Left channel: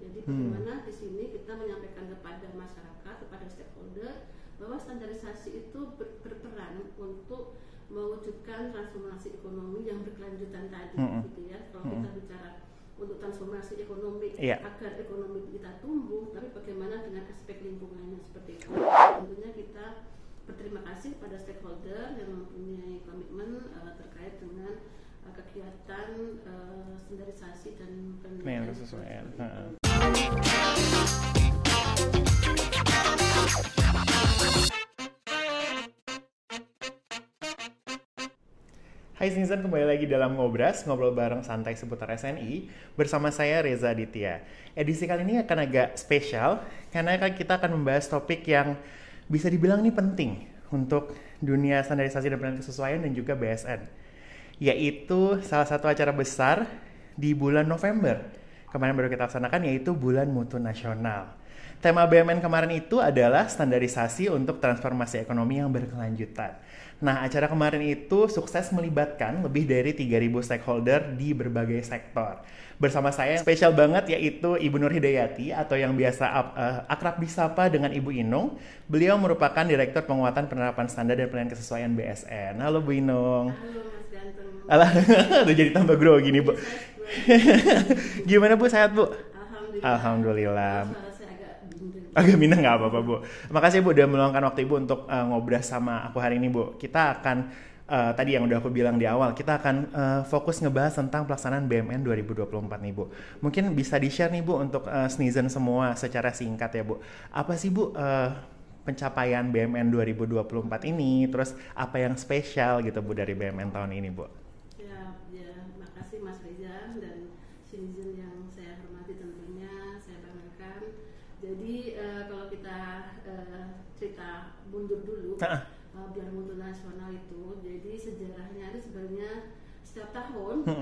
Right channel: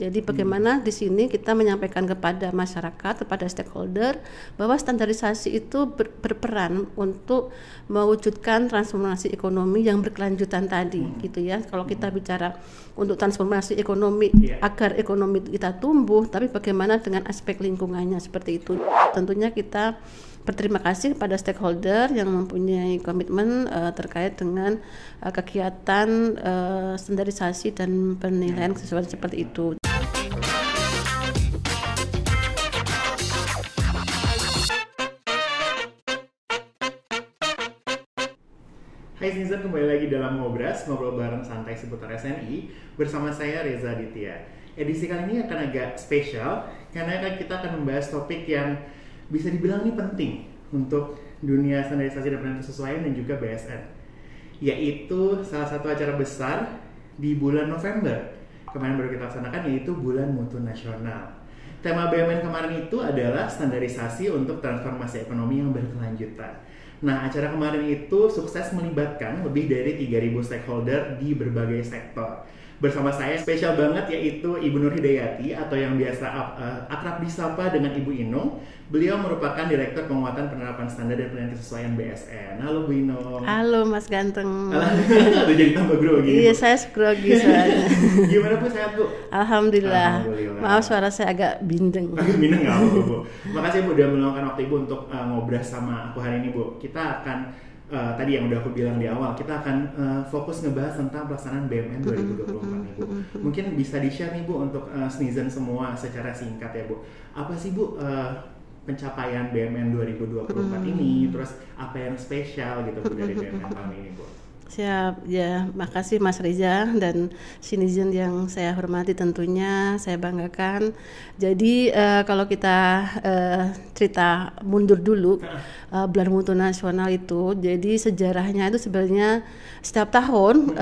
Jadi bagaimana di sini kita menyampaikan kepada masyarakat, kepada stakeholder bahwa standarisasi itu berperan untuk mewujudkan transformasi ekonomi yang berkelanjutan tadi, gitu ya. Kalau kita bicara untuk transformasi ekonomi agar ekonomi kita tumbuh, tapi bagaimana dengan aspek lingkungannya seperti itu. Tentunya kita berterima kasih kepada stakeholder yang mempunyai komitmen terkait dengan kegiatan standarisasi dan penilaian sesuai seperti itu. Hai Citizen, kembali lagi dalam Ngobras, ngobrol bareng santai seputar SNI bersama saya Reza Aditya. Edisi kali ini akan agak spesial karena kita akan membahas topik yang bisa dibilang ini penting untuk dunia standarisasi dan penilaian kesesuaian dan juga BSN, yaitu salah satu acara besar di bulan November kemarin baru kita laksanakan, yaitu Bulan Mutu Nasional. Tema BMN kemarin itu adalah standarisasi untuk transformasi ekonomi yang berkelanjutan. Nah, acara kemarin itu sukses melibatkan lebih dari 3.000 stakeholder di berbagai sektor. Bersama saya spesial banget yaitu Ibu Nur Hidayati atau yang biasa akrab disapa dengan Ibu Inung. Beliau merupakan Direktur Penguatan Penerapan Standar dan Penilaian Kesesuaian BSN. Halo Bu Inung. Halo Mas Ganteng. Tuh jadi tambah grogi nih Bu. Iya, saya grogi. Gimana Bu, sehat Bu? Alhamdulillah. Maaf suara saya agak bindeng. Agak bindeng nggak apa-apa Bu. Makasih Bu udah meluangkan waktu Ibu untuk ngobrol sama aku hari ini Bu. Kita akan tadi yang udah aku bilang di awal, kita akan fokus ngebahas tentang pelaksanaan BMN 2024 nih Bu. Mungkin bisa di-share nih Bu untuk netizen semua secara singkat ya Bu. Apa sih Bu pencapaian BMN 2024 ini, terus apa yang spesial gitu Bu dari BMN tahun ini Bu? Siap, ya makasih Mas Reza dan Citizen yang saya hormati, tentunya saya banggakan. Jadi kalau kita cerita mundur dulu, Bulan Mutu Nasional itu, jadi sejarahnya itu sebenarnya setiap tahun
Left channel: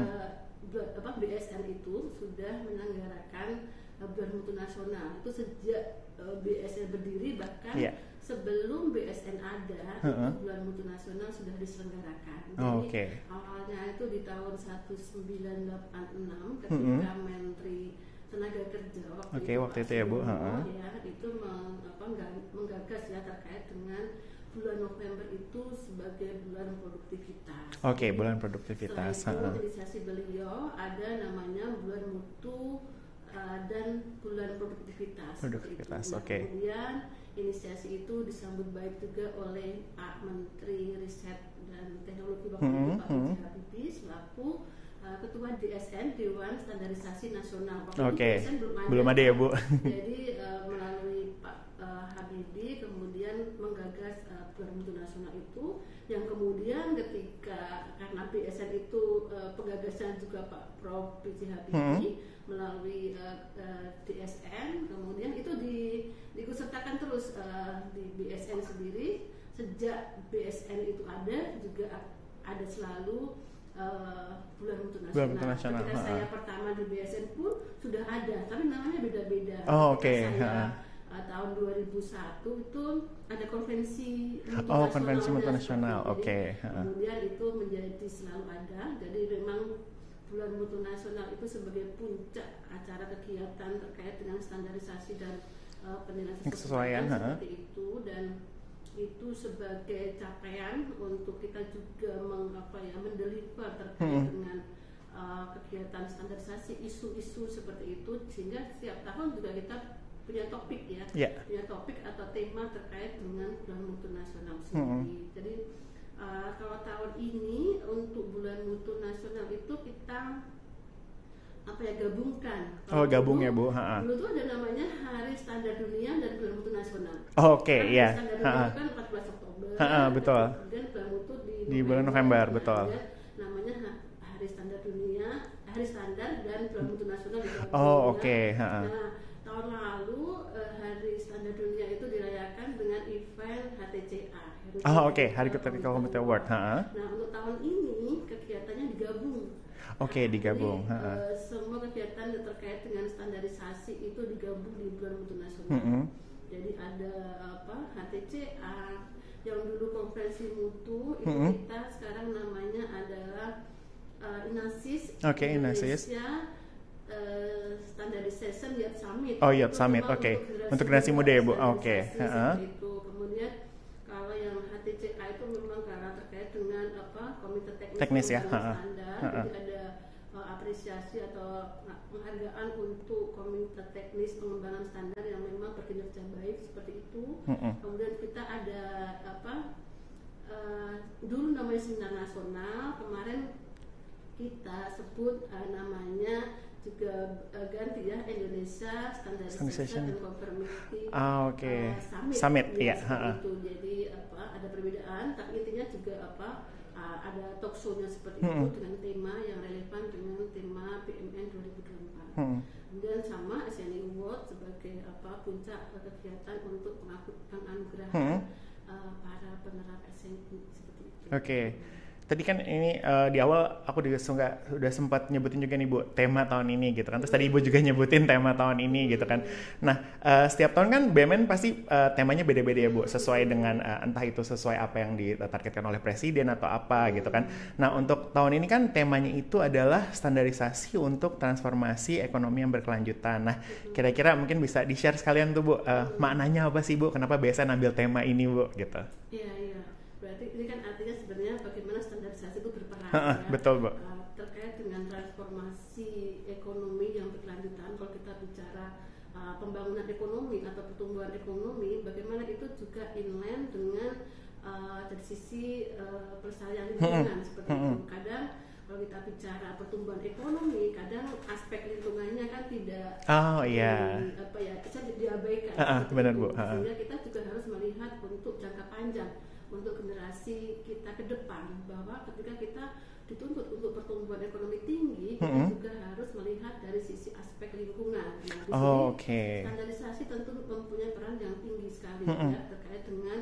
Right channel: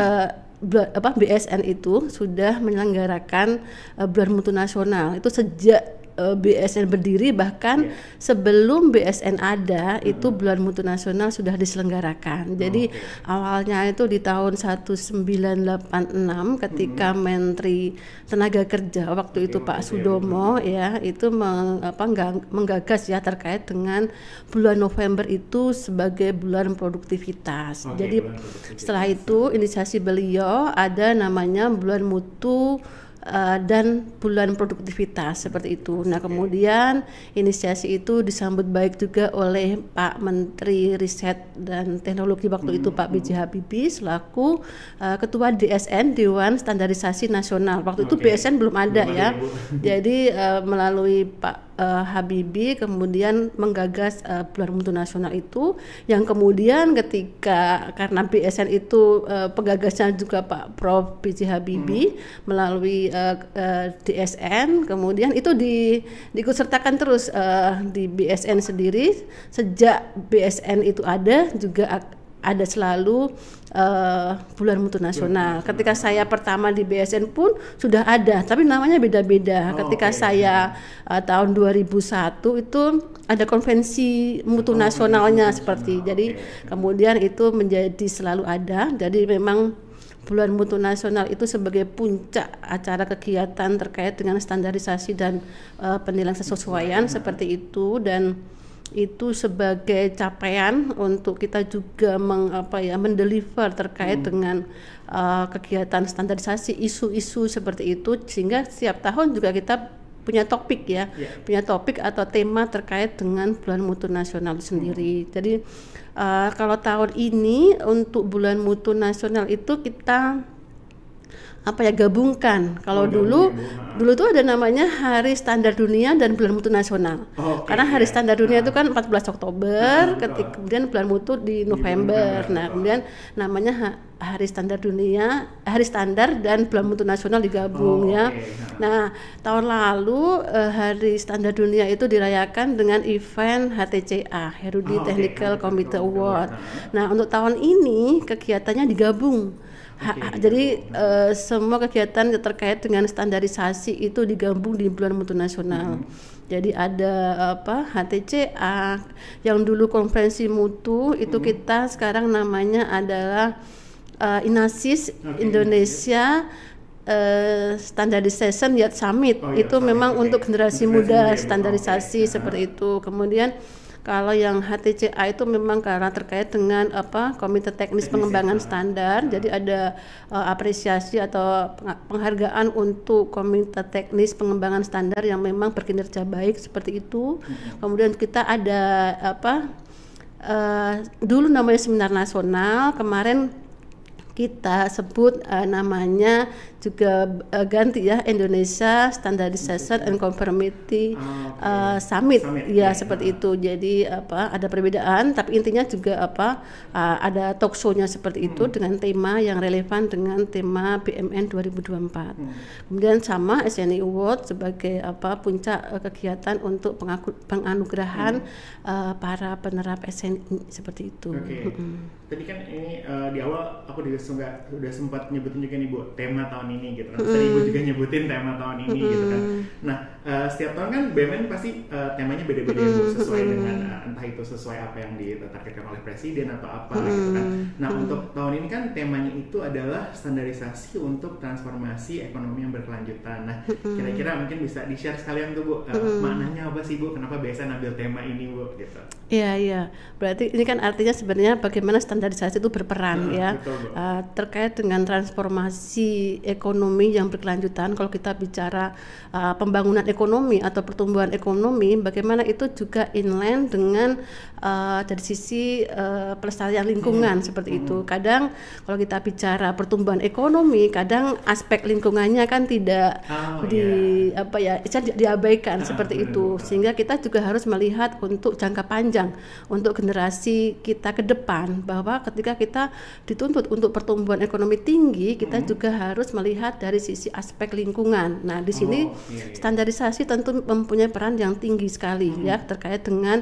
BSN itu sudah menyelenggarakan Bulan Mutu Nasional itu sejak BSN berdiri, bahkan sebelum BSN ada itu Bulan Mutu Nasional sudah diselenggarakan. Jadi awalnya itu di tahun 1986 ketika Menteri Tenaga Kerja waktu itu Pak Sudomo ya itu menggagas ya terkait dengan bulan November itu sebagai bulan produktivitas. Jadi bulan produktivitas. Setelah itu inisiasi beliau ada namanya Bulan Mutu dan bulan produktivitas seperti itu. Nah, kemudian inisiasi itu disambut baik juga oleh Pak Menteri Riset dan Teknologi waktu itu Pak B.J. Habibie selaku Ketua DSN Dewan Standarisasi Nasional. Waktu itu BSN belum ada ya. Jadi melalui Pak Habibie kemudian menggagas Bulan Mutu Nasional itu, yang kemudian karena BSN itu penggagasnya juga Pak Prof. B.J. Habibie melalui DSN, kemudian itu diikutsertakan terus di BSN sendiri. Sejak BSN itu ada juga ada selalu Bulan Mutu Nasional. Ketika saya pertama di BSN pun sudah ada, tapi namanya beda-beda. Ketika saya tahun 2001 itu ada konvensi mutu nasionalnya seperti. Jadi kemudian itu menjadi selalu ada. Jadi memang Bulan Mutu Nasional itu sebagai puncak acara kegiatan terkait dengan standarisasi dan penilaian kesesuaian seperti itu, dan itu sebagai capaian untuk kita juga mendeliver terkait dengan kegiatan standarisasi isu-isu seperti itu, sehingga setiap tahun juga kita punya topik ya, punya topik atau tema terkait dengan Bulan Mutu Nasional itu sendiri. Jadi kalau tahun ini untuk Bulan Mutu Nasional itu kita gabungkan. Kalau dulu tuh ada namanya Hari Standar Dunia dan Bulan Mutu Nasional. Karena Hari Standar Dunia itu kan 14 Oktober, kemudian Bulan Mutu di November. Nah, kemudian namanya Hari Standar Dunia, Hari Standar dan Bulan Mutu Nasional digabung ya. Nah, tahun lalu Hari Standar Dunia itu dirayakan dengan event HTCA, Herudi Technical Committee Award. Nah, untuk tahun ini kegiatannya digabung. Jadi semua kegiatan terkait dengan standarisasi itu digabung di Bulan Mutu Nasional. Jadi ada HTCA yang dulu konferensi mutu itu kita sekarang namanya adalah INASIS Indonesia Standardization Youth Summit. Oh, Youth itu Summit, memang oke. untuk generasi Untuk generasi muda muda, ya, Bu? standarisasi Oke. seperti itu. Kemudian kalau yang HTCA itu memang karena terkait dengan Komite Teknis Pengembangan ya? Standar. Jadi ada apresiasi atau penghargaan untuk Komite Teknis Pengembangan Standar yang memang berkinerja baik seperti itu. Kemudian kita ada dulu namanya Seminar Nasional, kemarin kita sebut namanya juga ganti ya, Indonesia Standardization and Conformity Summit ya, seperti itu. Jadi ada perbedaan, tapi intinya juga ada talk show-nya seperti itu dengan tema yang relevan dengan tema BMN 2024. Kemudian sama SNI Award sebagai puncak kegiatan untuk penganugerahan para penerap SNI seperti itu. Oke. Tadi kan ini di awal aku udah sempat nyebutin juga nih Bu, tema tahun ini gitu kan. Terus tadi Ibu juga nyebutin tema tahun ini gitu kan. Nah, setiap tahun kan BMN pasti temanya beda-beda ya Bu, sesuai dengan entah itu sesuai apa yang ditargetkan oleh presiden atau apa gitu kan. Nah, untuk tahun ini kan temanya itu adalah standarisasi untuk transformasi ekonomi yang berkelanjutan. Nah, kira-kira mungkin bisa di-share sekalian tuh Bu, maknanya apa sih Bu? Kenapa biasa ambil tema ini Bu gitu? Iya. Berarti ini kan artinya sebenarnya bagaimana standarisasi itu berperan ya. Betul, Bu. Terkait dengan transformasi ekonomi yang berkelanjutan. Kalau kita bicara pembangunan ekonomi atau pertumbuhan ekonomi, bagaimana itu juga inline dengan dari sisi pelestarian lingkungan seperti itu. Kadang kalau kita bicara pertumbuhan ekonomi, kadang aspek lingkungannya kan tidak diabaikan seperti itu. Sehingga kita juga harus melihat untuk jangka panjang, untuk generasi kita ke depan, bahwa ketika kita dituntut untuk pertumbuhan ekonomi tinggi, kita juga harus melihat dari sisi aspek lingkungan. Nah, di sini standarisasi tentu mempunyai peran yang tinggi sekali ya, terkait dengan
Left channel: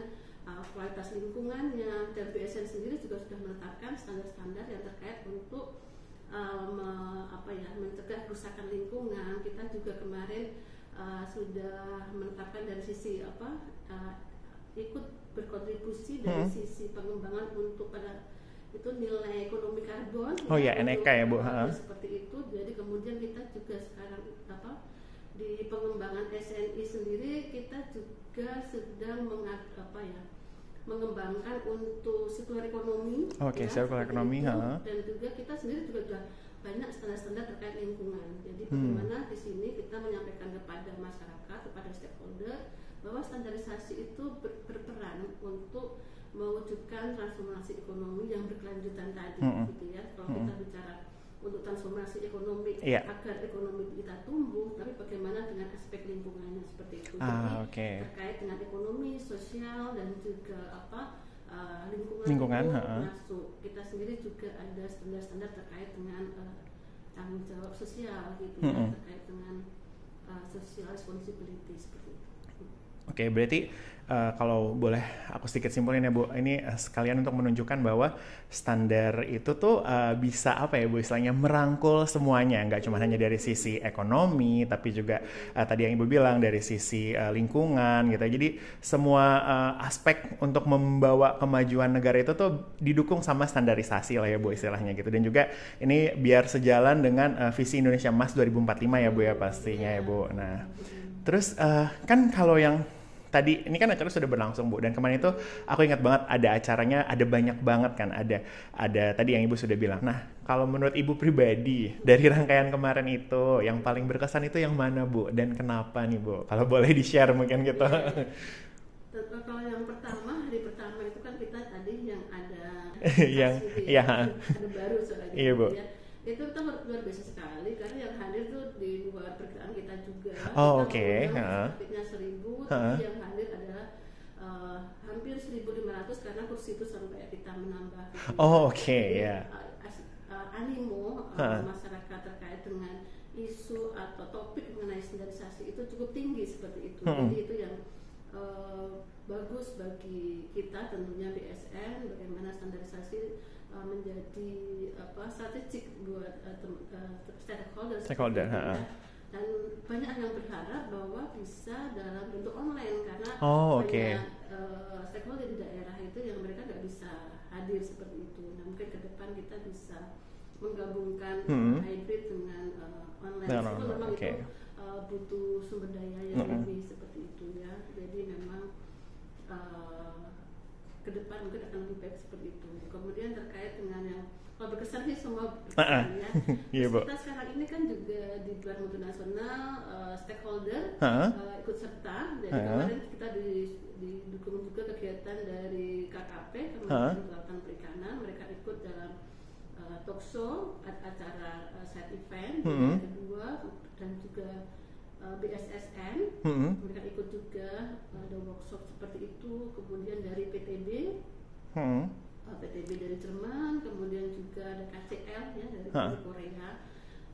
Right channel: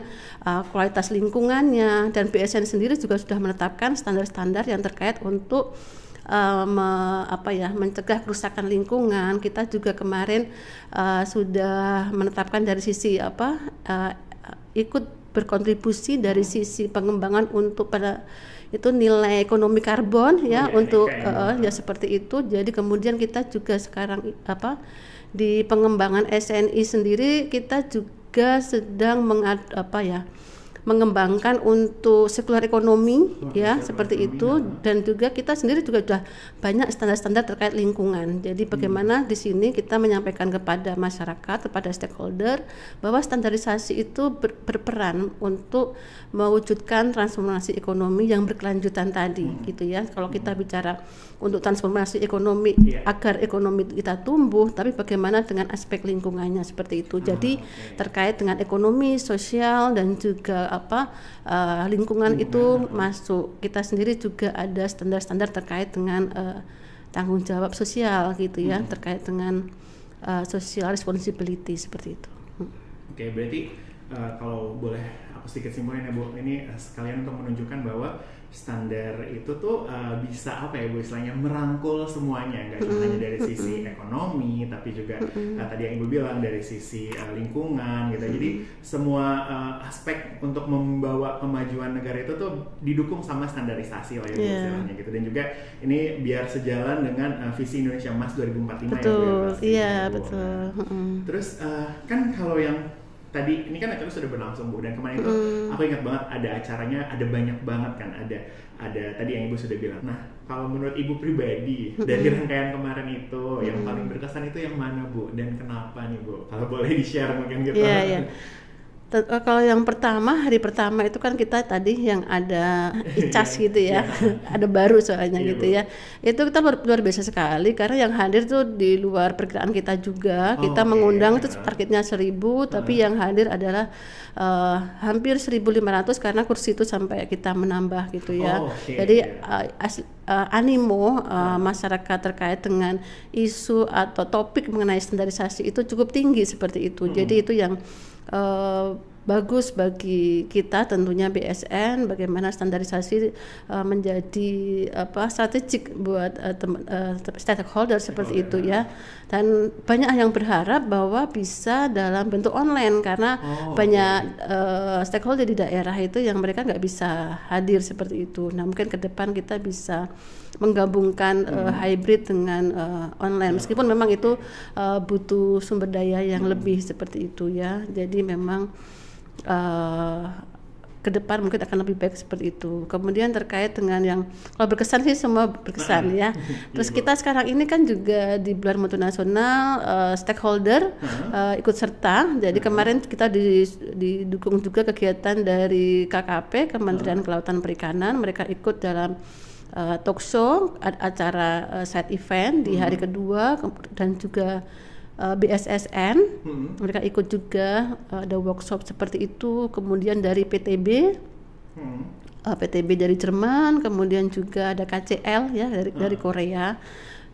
kualitas lingkungannya, dan BSN sendiri juga sudah menetapkan standar-standar yang terkait untuk mencegah kerusakan lingkungan. Kita juga kemarin sudah menetapkan dari sisi ikut berkontribusi dari sisi pengembangan untuk pada itu nilai ekonomi karbon untuk ya seperti itu. Jadi kemudian kita juga sekarang di pengembangan SNI sendiri kita juga sedang mengembangkan untuk sirkular ekonomi seperti itu. Dan juga kita sendiri juga sudah banyak standar-standar terkait lingkungan. Jadi bagaimana di sini kita menyampaikan kepada masyarakat, kepada stakeholder, bahwa standarisasi itu berperan untuk mewujudkan transformasi ekonomi yang berkelanjutan tadi gitu ya. Kalau kita bicara untuk transformasi ekonomi agar ekonomi kita tumbuh, tapi bagaimana dengan aspek lingkungannya seperti itu. Jadi terkait dengan ekonomi, sosial, dan juga lingkungan itu masuk. Kita sendiri juga ada standar-standar terkait dengan tanggung jawab sosial gitu ya, terkait dengan social responsibility seperti itu. Oke, berarti kalau boleh aku sedikit simpulin ya Bu, ini sekalian untuk menunjukkan bahwa standar itu tuh bisa Bu, istilahnya merangkul semuanya, nggak cuma hanya dari sisi ekonomi, tapi juga tadi yang Ibu bilang dari sisi lingkungan gitu. Jadi semua aspek untuk membawa kemajuan negara itu tuh didukung sama standarisasi lah ya Bu, istilahnya gitu. Dan juga ini biar sejalan dengan visi Indonesia Emas 2045 ya Bu ya pastinya ya Bu. Betul. Nah, terus kan kalau yang tadi ini kan acara sudah berlangsung Bu, dan kemarin itu aku ingat banget ada acaranya, ada banyak banget kan, ada tadi yang Ibu sudah bilang. Nah, kalau menurut Ibu pribadi dari rangkaian kemarin itu yang paling berkesan itu yang mana Bu, dan kenapa nih Bu? Kalau boleh di-share mungkin gitu. Kalau yang hari pertama itu kan kita tadi yang ada ICAS gitu ya, ada baru soalnya gitu Bu. Ya. Itu kita luar biasa sekali karena yang hadir tuh di luar perkiraan kita juga. Kita mengundang itu targetnya 1.000, tapi yang hadir adalah hampir 1.500 karena kursi itu sampai kita menambah gitu ya. Jadi animo masyarakat terkait dengan isu atau topik mengenai standarisasi itu cukup tinggi seperti itu. Jadi itu yang bagus bagi kita tentunya BSN, bagaimana standarisasi menjadi strategik buat stakeholder seperti itu ya. dan banyak yang berharap bahwa bisa dalam bentuk online karena banyak stakeholder di daerah itu yang mereka nggak bisa hadir seperti itu. Nah mungkin ke depan kita bisa menggabungkan hybrid dengan online meskipun memang itu butuh sumber daya yang lebih seperti itu ya. Jadi memang ke depan mungkin akan lebih baik seperti itu. Kemudian terkait dengan yang kalau berkesan sih semua berkesan ya. Terus kita sekarang ini kan juga di bulan mutu nasional stakeholder ikut serta. Jadi kemarin kita didukung juga kegiatan dari KKP Kementerian Kelautan Perikanan. Mereka ikut dalam talk show acara side event di hari kedua dan juga BSSN mereka ikut juga ada workshop seperti itu, kemudian dari PTB PTB dari Jerman, kemudian juga ada KCL ya dari Korea.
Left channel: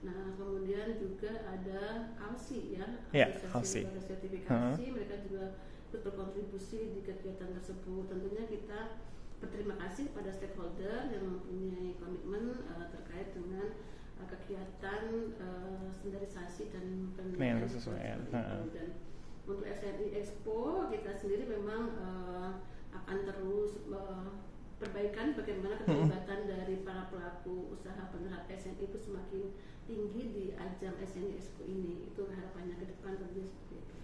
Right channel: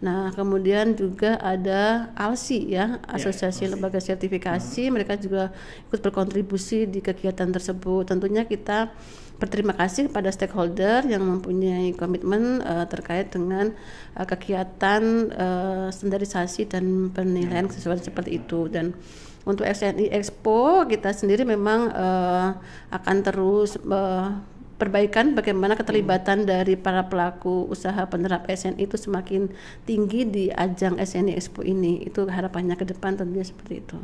Nah kemudian juga ada ALSI ya, Asosiasi Lembaga Sertifikasi, mereka juga ikut berkontribusi di kegiatan tersebut. Tentunya kita berterima kasih kepada stakeholder yang mempunyai komitmen terkait dengan kegiatan standarisasi dan penilaian sesuai seperti itu. Dan untuk SNI Expo kita sendiri memang akan terus perbaikan bagaimana keterlibatan dari para pelaku usaha penerap SNI itu semakin tinggi di ajang SNI Expo ini. Itu harapannya ke depan tentunya seperti itu.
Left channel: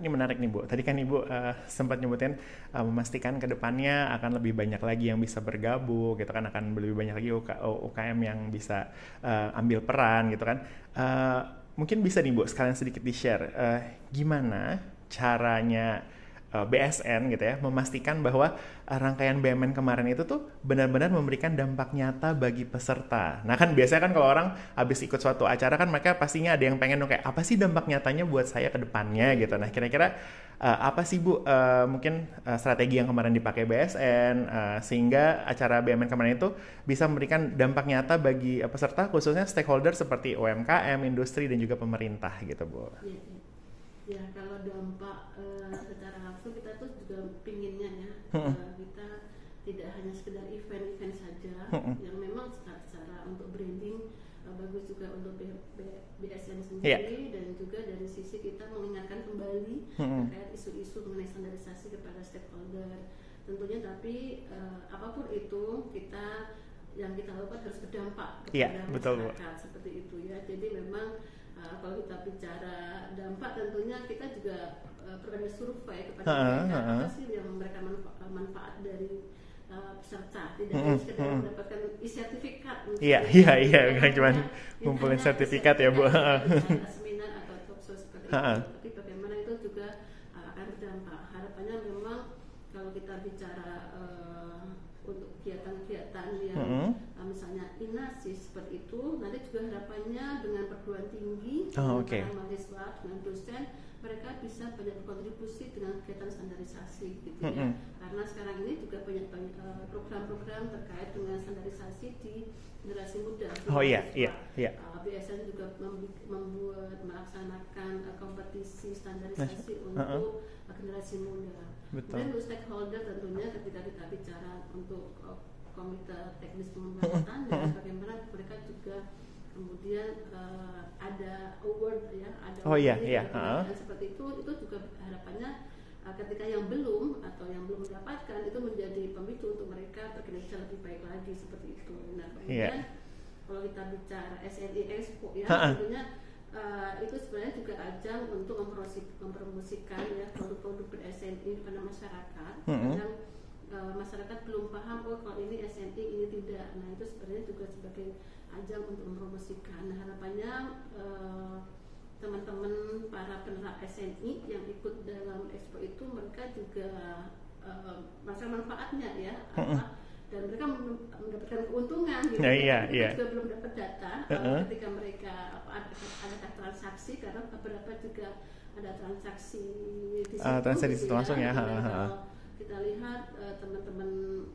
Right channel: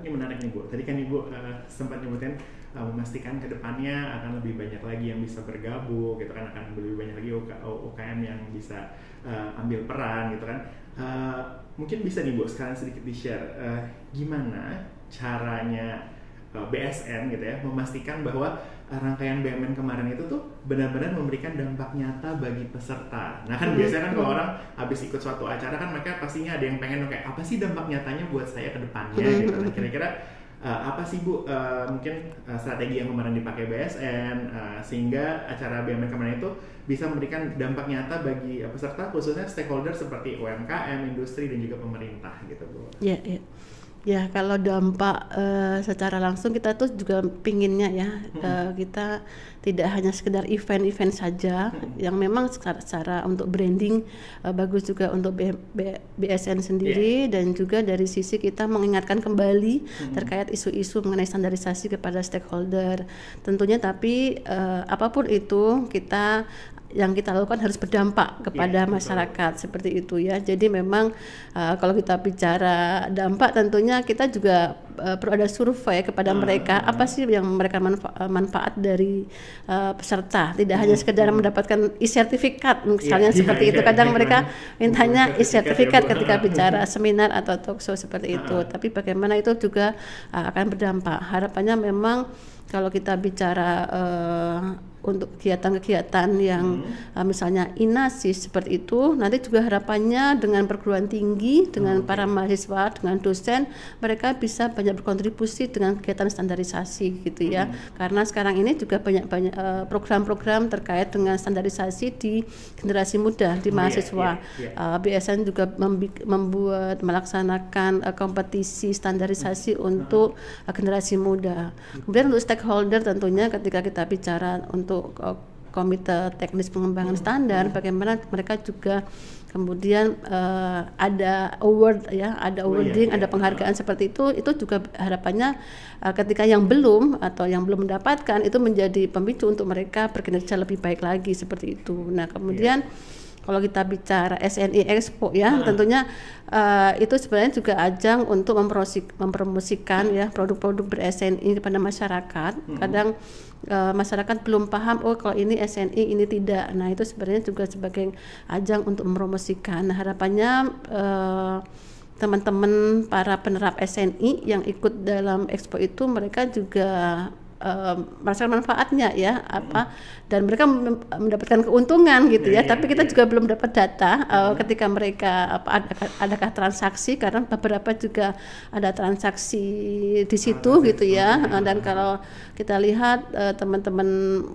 Ini menarik nih Bu. Tadi kan Ibu sempat nyebutin memastikan ke depannya akan lebih banyak lagi yang bisa bergabung gitu kan, akan lebih banyak lagi UKM yang bisa ambil peran gitu kan. Mungkin bisa nih Bu sekalian sedikit di-share gimana caranya BSN gitu ya memastikan bahwa rangkaian BMN kemarin itu tuh benar-benar memberikan dampak nyata bagi peserta. Nah kan biasanya kan kalau orang habis ikut suatu acara kan mereka pastinya ada yang pengen kayak apa sih dampak nyatanya buat saya ke depannya gitu. Nah kira-kira apa sih Bu mungkin strategi yang kemarin dipakai BSN sehingga acara BMN kemarin itu bisa memberikan dampak nyata bagi peserta khususnya stakeholder seperti UMKM, industri dan juga pemerintah gitu Bu. Iya. Ya kalau dampak secara langsung kita tuh juga pinginnya ya kita tidak hanya sekedar event-event saja yang memang secara untuk branding bagus juga untuk BSN sendiri dan juga dari sisi kita mengingatkan kembali terkait isu-isu mengenai standarisasi kepada stakeholder tentunya. Tapi apapun itu yang kita lakukan harus berdampak kepada masyarakat seperti itu ya. Jadi memang kalau kita bicara dampak tentunya kita juga perlu ada survei kepada mereka apa sih yang mereka manfaat dari peserta, tidak hanya sekedar mendapatkan e-sertifikat misalnya seperti itu. Kadang mereka mintanya e-sertifikat ketika bicara seminar atau talk show seperti itu. Tapi bagaimana itu juga akan berdampak. Harapannya memang kalau kita bicara untuk kegiatan-kegiatan yang misalnya INASIS seperti itu, nanti juga harapannya dengan perguruan tinggi, dengan para mahasiswa, dengan dosen, mereka bisa banyak berkontribusi dengan kegiatan standarisasi gitu ya. Karena sekarang ini juga banyak program-program terkait dengan standarisasi di generasi muda, di mahasiswa. BSN juga melaksanakan kompetisi standarisasi untuk generasi muda. Kemudian untuk stakeholder tentunya ketika kita bicara untuk komite teknis pengembangan standar, bagaimana mereka juga kemudian ada award ya, ada awarding, ada penghargaan seperti itu juga harapannya ketika yang belum atau yang belum mendapatkan itu menjadi pemicu untuk mereka berkinerja lebih baik lagi seperti itu. Nah kemudian kalau kita bicara SNI Expo ya tentunya itu sebenarnya juga ajang untuk mempromosikan ya produk-produk ber-SNI kepada masyarakat. Kadang masyarakat belum paham kalau ini SNI ini tidak. Nah itu sebenarnya juga sebagai ajang untuk mempromosikan. Nah harapannya teman-teman para penerap SNI yang ikut dalam Expo itu mereka juga merasakan manfaatnya ya dan mereka mendapatkan keuntungan gitu ya. Tapi kita juga belum dapat data ketika mereka adakah transaksi, karena beberapa juga ada transaksi di situ gitu ya. Dan kalau kita lihat teman-teman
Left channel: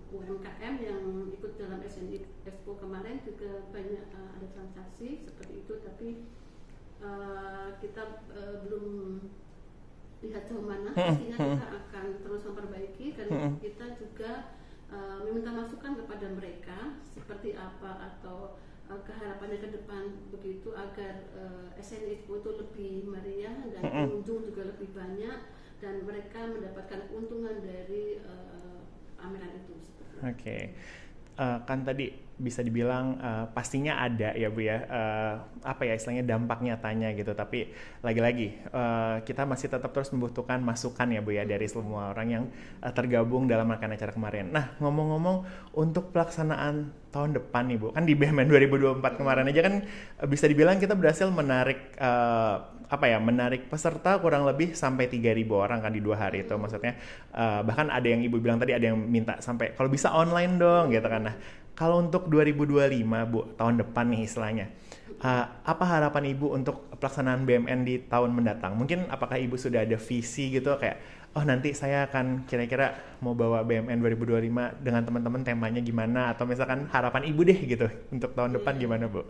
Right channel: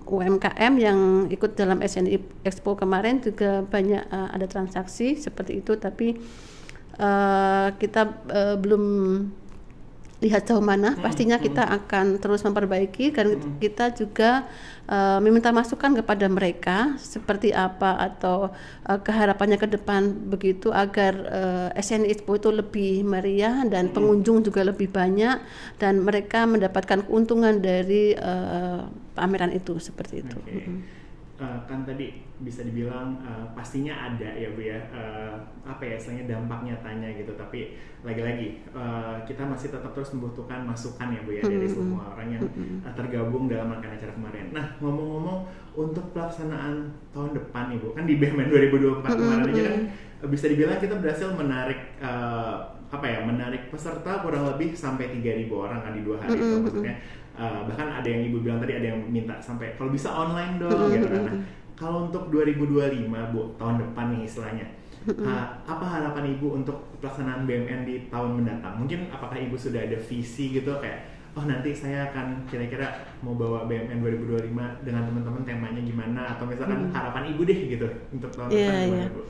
UMKM yang ikut dalam SNI Expo kemarin juga banyak ada transaksi seperti itu, tapi kita belum lihat jauh mana, pastinya kita akan terus memperbaiki, dan kita juga meminta masukan kepada mereka seperti apa atau keharapannya ke depan begitu, agar SNI Expo itu lebih meriah dan pengunjung juga lebih banyak dan mereka mendapatkan keuntungan dari pameran itu, seperti itu. Kan tadi bisa dibilang pastinya ada ya Bu ya, apa ya istilahnya dampak nyatanya gitu, tapi lagi-lagi kita masih tetap terus membutuhkan masukan ya Bu ya dari semua orang yang tergabung dalam rangkaian acara kemarin. Nah, ngomong-ngomong untuk pelaksanaan tahun depan nih Bu, kan di BEMEN 2024 kemarin aja kan bisa dibilang kita berhasil menarik menarik peserta kurang lebih sampai 3.000 orang kan di 2 hari itu, maksudnya bahkan ada yang Ibu bilang tadi, ada yang minta sampai kalau bisa online dong gitu kan. Nah, kalau untuk 2025 Bu, tahun depan nih istilahnya, apa harapan Ibu untuk pelaksanaan BMN di tahun mendatang? Mungkin apakah Ibu sudah ada visi gitu kayak, oh nanti saya akan kira-kira mau bawa BMN 2025 dengan teman-teman, temanya gimana, atau misalkan harapan Ibu deh gitu untuk tahun depan gimana Bu?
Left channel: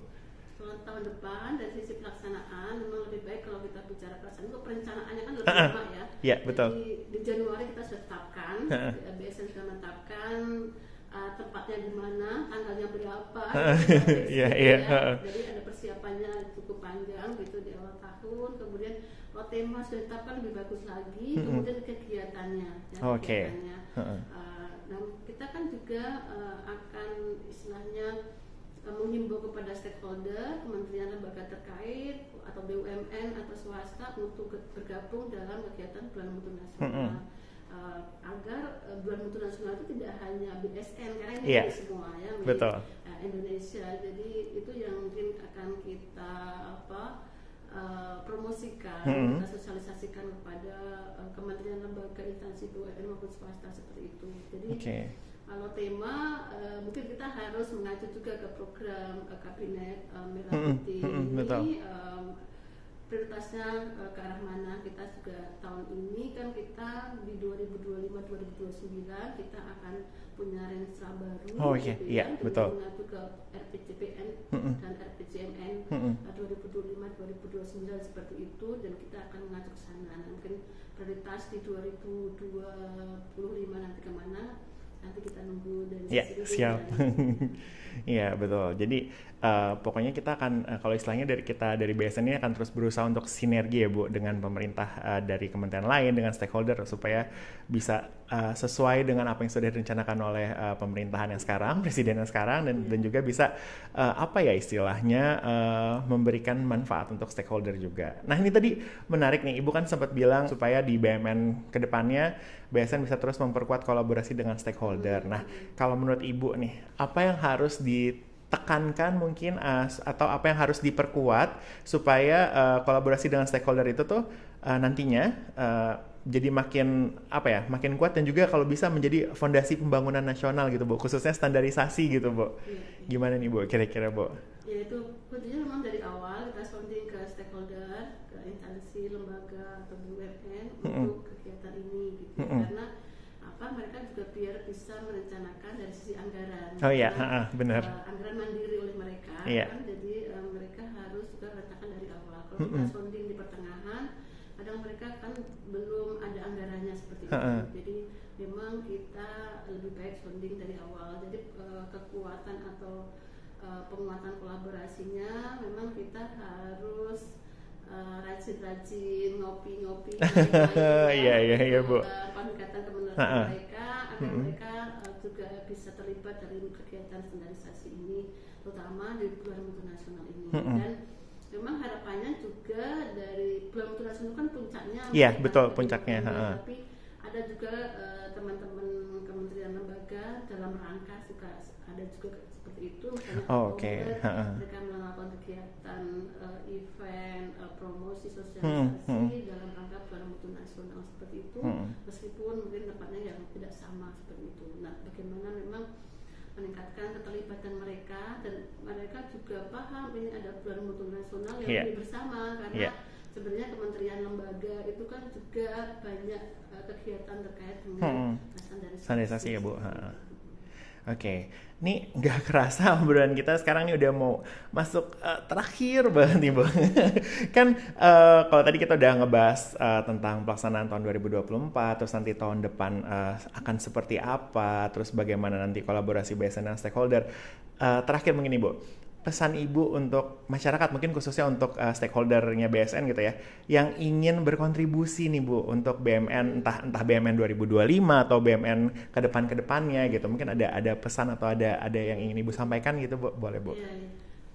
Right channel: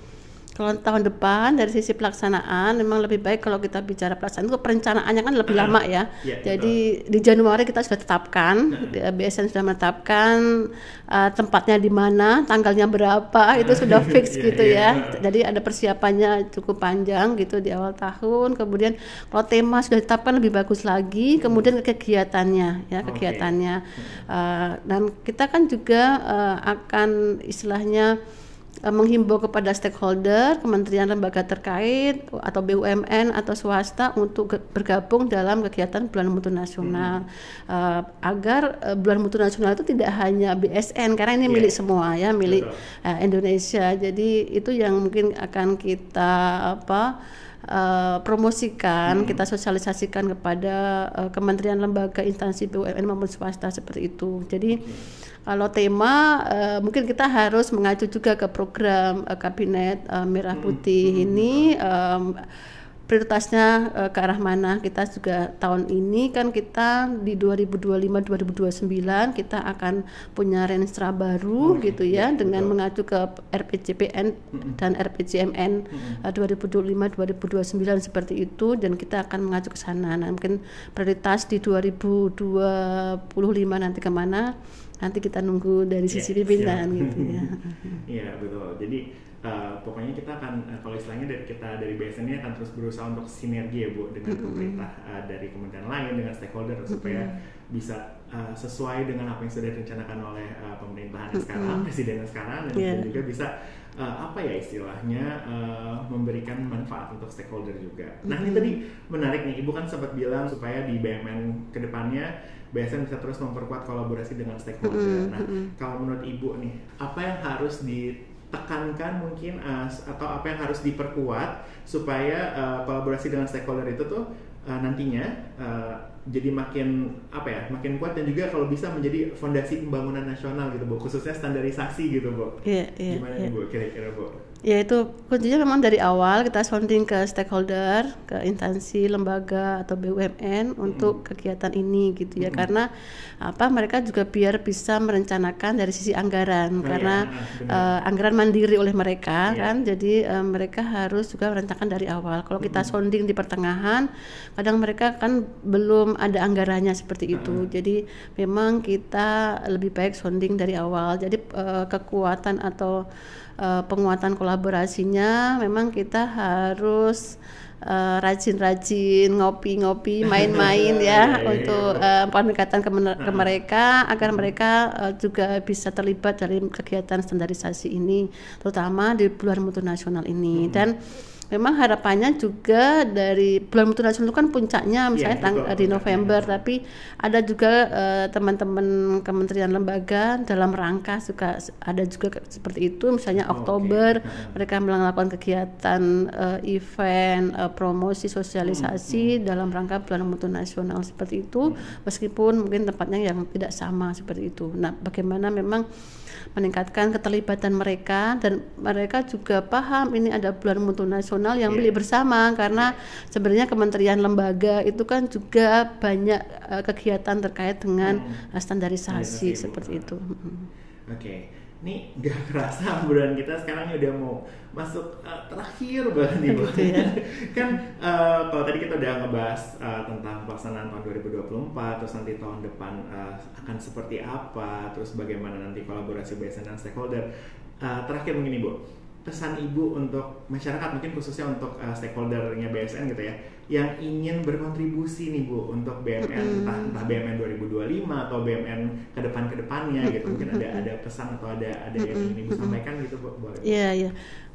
Kalau tahun depan dari sisi pelaksanaan memang lebih baik kalau kita bicara pelaksanaan itu perencanaannya kan lebih lama ya. Jadi betul. Di Januari kita sudah tetapkan, BSN sudah menetapkan tempatnya di mana, tanggalnya berapa, itu sudah fix gitu ya. Jadi ada persiapannya cukup panjang gitu di awal tahun. Kemudian kalau tema sudah ditetapkan lebih bagus lagi, kemudian kegiatannya ya, kegiatannya. Dan kita kan juga akan istilahnya menghimbau kepada stakeholder, kementerian lembaga terkait atau BUMN atau swasta untuk bergabung dalam kegiatan Bulan Mutu Nasional, agar Bulan Mutu Nasional itu tidak hanya BSN karena ini milik semua ya, milik Indonesia. Jadi itu yang mungkin akan kita promosikan, kita sosialisasikan kepada kementerian, lembaga, instansi BUMN maupun swasta seperti itu. Jadi kalau tema mungkin kita harus mengacu juga ke program kabinet Merah Putih ini, prioritasnya ke arah mana. Kita juga tahun ini kan kita di 2025-2029 kita akan punya renstra baru gitu ya, dengan mengacu ke RPJPN dan RPJMN 2025-2029 seperti itu, dan kita akan mengacu ke sana. Nah, mungkin prioritas di 2025 nanti kemana, nanti kita nunggu dari sisi pimpinan gitu ya. Iya betul. Jadi pokoknya kita akan kalau istilahnya dari BSN ini akan terus berusaha untuk sinergi ya Bu dengan pemerintah dari kementerian lain, dengan stakeholder supaya bisa sesuai dengan apa yang sudah direncanakan oleh pemerintahan yang sekarang, presiden yang sekarang, dan juga bisa istilahnya memberikan manfaat untuk stakeholder juga. Nah, ini tadi menarik nih, Ibu kan sempat bilang supaya di BMN kedepannya BSN bisa terus memperkuat kolaborasi dengan stakeholder. Nah, kalau menurut Ibu nih, apa yang harus ditekankan mungkin atau apa yang harus diperkuat supaya kolaborasi dengan stakeholder itu tuh nantinya jadi makin kuat, dan juga kalau bisa menjadi fondasi pembangunan nasional gitu Bu, khususnya standarisasi gitu Bu. Gimana nih Bu kira-kira Bu? Ya, itu kuncinya memang dari awal kita sounding ke stakeholder, ke instansi, lembaga atau BUMN untuk kegiatan ini gitu ya, karena mereka juga biar bisa merencanakan dari sisi anggaran, karena anggaran mandiri oleh mereka kan, jadi mereka harus juga merencanakan dari awal. Kalau kita sounding di pertengahan, kadang mereka kan belum ada anggarannya seperti itu, jadi memang kita lebih baik sounding dari awal. Jadi kekuatan atau penguatan kolaborasinya memang kita harus rajin-rajin ngopi-ngopi, main-main ya, untuk pendekatan ke mereka agar mereka juga bisa terlibat dalam kegiatan standarisasi ini, terutama di Bulan Mutu Nasional ini. Dan memang harapannya juga dari Bulan Mutu Nasional itu kan puncaknya misalnya di November, tapi ada juga teman-teman kementerian lembaga dalam rangka ada juga seperti itu, misalnya Oktober mereka melakukan kegiatan event, promosi, sosialisasi dalam rangka Bulan Mutu Nasional seperti itu, meskipun mungkin tempatnya yang tidak sama seperti itu. Nah, bagaimana memang meningkatkan keterlibatan mereka, dan mereka juga paham ini ada Bulan Mutu Nasional yang milik bersama, karena sebenarnya kementerian lembaga itu kan juga banyak kegiatan terkait dengan standarisasi seperti itu. nih nggak kerasa obrolan kita sekarang nih udah mau masuk terakhir banget nih Bu. Kan kalau tadi kita udah ngebahas tentang pelaksanaan tahun 2024, terus nanti tahun depan akan seperti apa, terus bagaimana nanti kolaborasi BSN dan stakeholder. Terakhir begini Bu, pesan Ibu untuk masyarakat, mungkin khususnya untuk stakeholdernya BSN gitu ya, yang ingin berkontribusi nih Bu untuk BMN, entah BMN 2025 atau BMN kedepannya gitu, mungkin ada pesan atau ada yang ingin Ibu sampaikan gitu Bu, boleh Bu? Iya.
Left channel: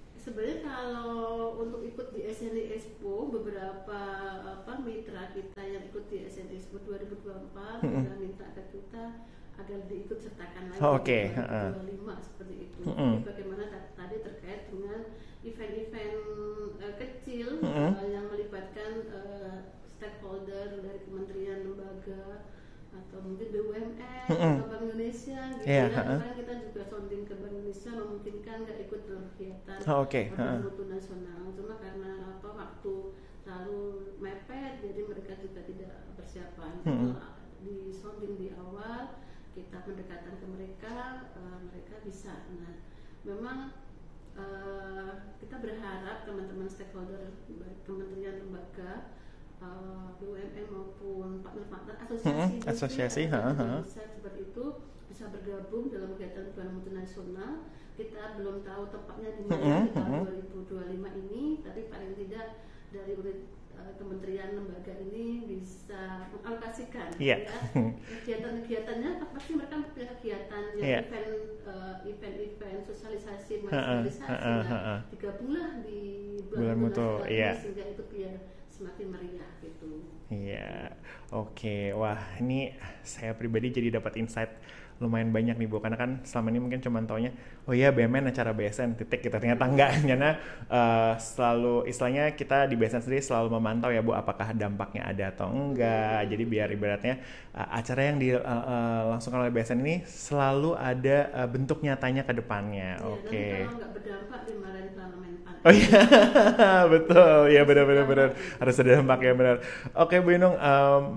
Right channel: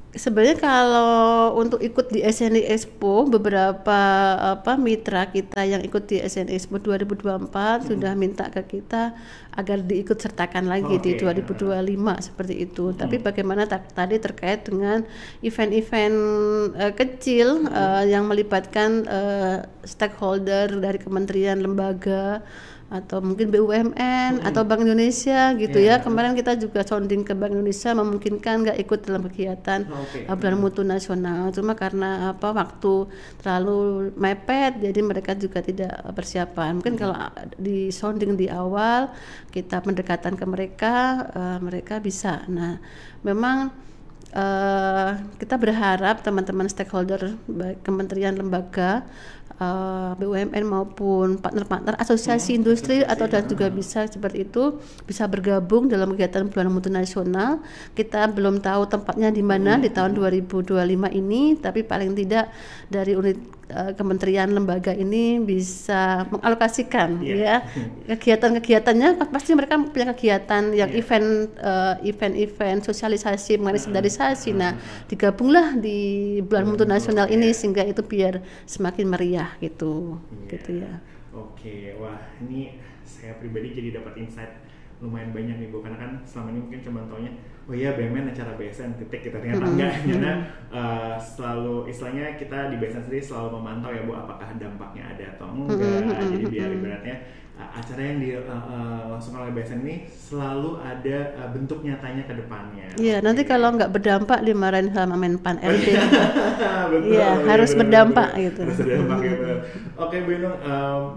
Sebenarnya kalau untuk ikut di SNI Expo, beberapa mitra kita yang ikut di SNI Expo 2024 sudah minta ke kita agar diikut sertakan lagi di 2025 seperti itu. Tapi bagaimana tadi terkait dengan event-event kecil yang melibatkan stakeholder dari kementerian, lembaga, atau mungkin BUMN atau Bank Indonesia gitu ya. Kemarin kita juga sounding ke Bank Indonesia memungkinkan nggak ikut dalam kegiatan Bulan Mutu Nasional, cuma karena waktu terlalu mepet jadi mereka juga tidak persiapan. Mungkin kalau di sounding di awal kita pendekatan ke mereka, mereka bisa. Nah, memang kita berharap teman-teman stakeholder baik kementerian, lembaga, BUMN maupun partner-partner asosiasi industri atau juga bisa seperti itu bisa bergabung dalam kegiatan Bulan Mutu Nasional. Kita belum tahu tempatnya di mana di tahun 2025 ini, tapi paling tidak dari unit kementerian lembaga ini bisa mengalokasikan ya kegiatan-kegiatannya. Pasti mereka punya kegiatan yang event sosialisasi mengenai standarisasi. Nah, digabunglah di Bulan Mutu Nasional ini sehingga itu biar semakin meriah gitu. Gitu ya. Oke, wah ini saya pribadi jadi dapat insight lumayan banyak nih Bu, karena kan selama ini mungkin cuma taunya oh iya BMN acara BSN titik, kita ternyata enggak, karena selalu istilahnya kita di BSN sendiri selalu memantau ya Bu apakah dampaknya ada atau enggak. Jadi biar ibaratnya acara yang dilangsungkan oleh BSN ini selalu ada bentuk nyatanya ke depannya. Iya, nanti kalau nggak berdampak dimarahin sama Menpan RB. Betul, harus berdampak gitu. Harus berdampak ya benar. Oke Bu Inung,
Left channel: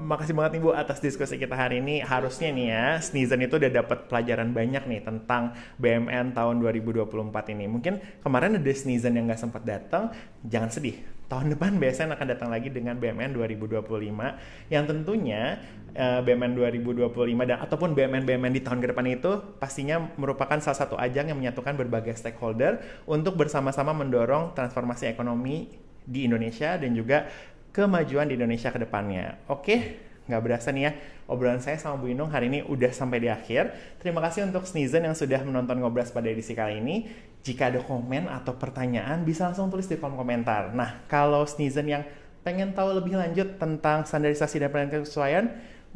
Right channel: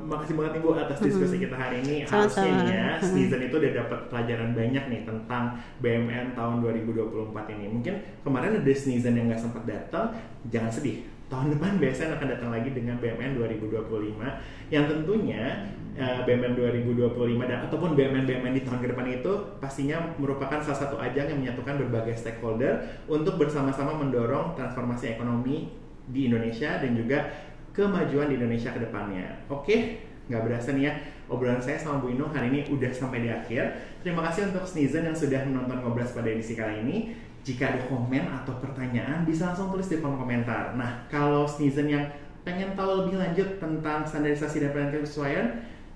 makasih banget nih Bu atas diskusi kita hari ini. Harusnya nih ya, Sneezen itu udah dapat pelajaran banyak nih tentang BMN tahun 2024 ini. Mungkin kemarin ada Sneezen yang nggak sempat datang, jangan sedih. Tahun depan BSN akan datang lagi dengan BMN 2025 yang tentunya BMN 2025 dan ataupun BMN di tahun ke depan itu pastinya merupakan salah satu ajang yang menyatukan berbagai stakeholder untuk bersama-sama mendorong transformasi ekonomi di Indonesia dan juga kemajuan di Indonesia ke depannya. Oke, nggak berasa nih ya, obrolan saya sama Bu Inung hari ini udah sampai di akhir. Terima kasih untuk Sneezen yang sudah menonton Ngobras pada edisi kali ini. Jika ada komen atau pertanyaan bisa langsung tulis di kolom komentar. Nah, kalau Sneezen yang pengen tahu lebih lanjut tentang standarisasi dan penelitian kesesuaian,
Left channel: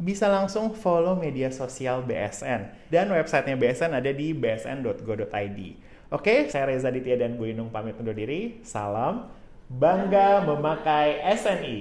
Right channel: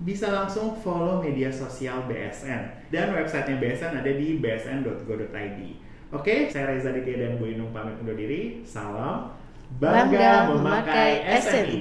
bisa langsung follow media sosial BSN. Dan websitenya BSN ada di bsn.go.id. Oke, saya Reza Ditya dan Bu Inung pamit undur diri. Salam bangga memakai SNI.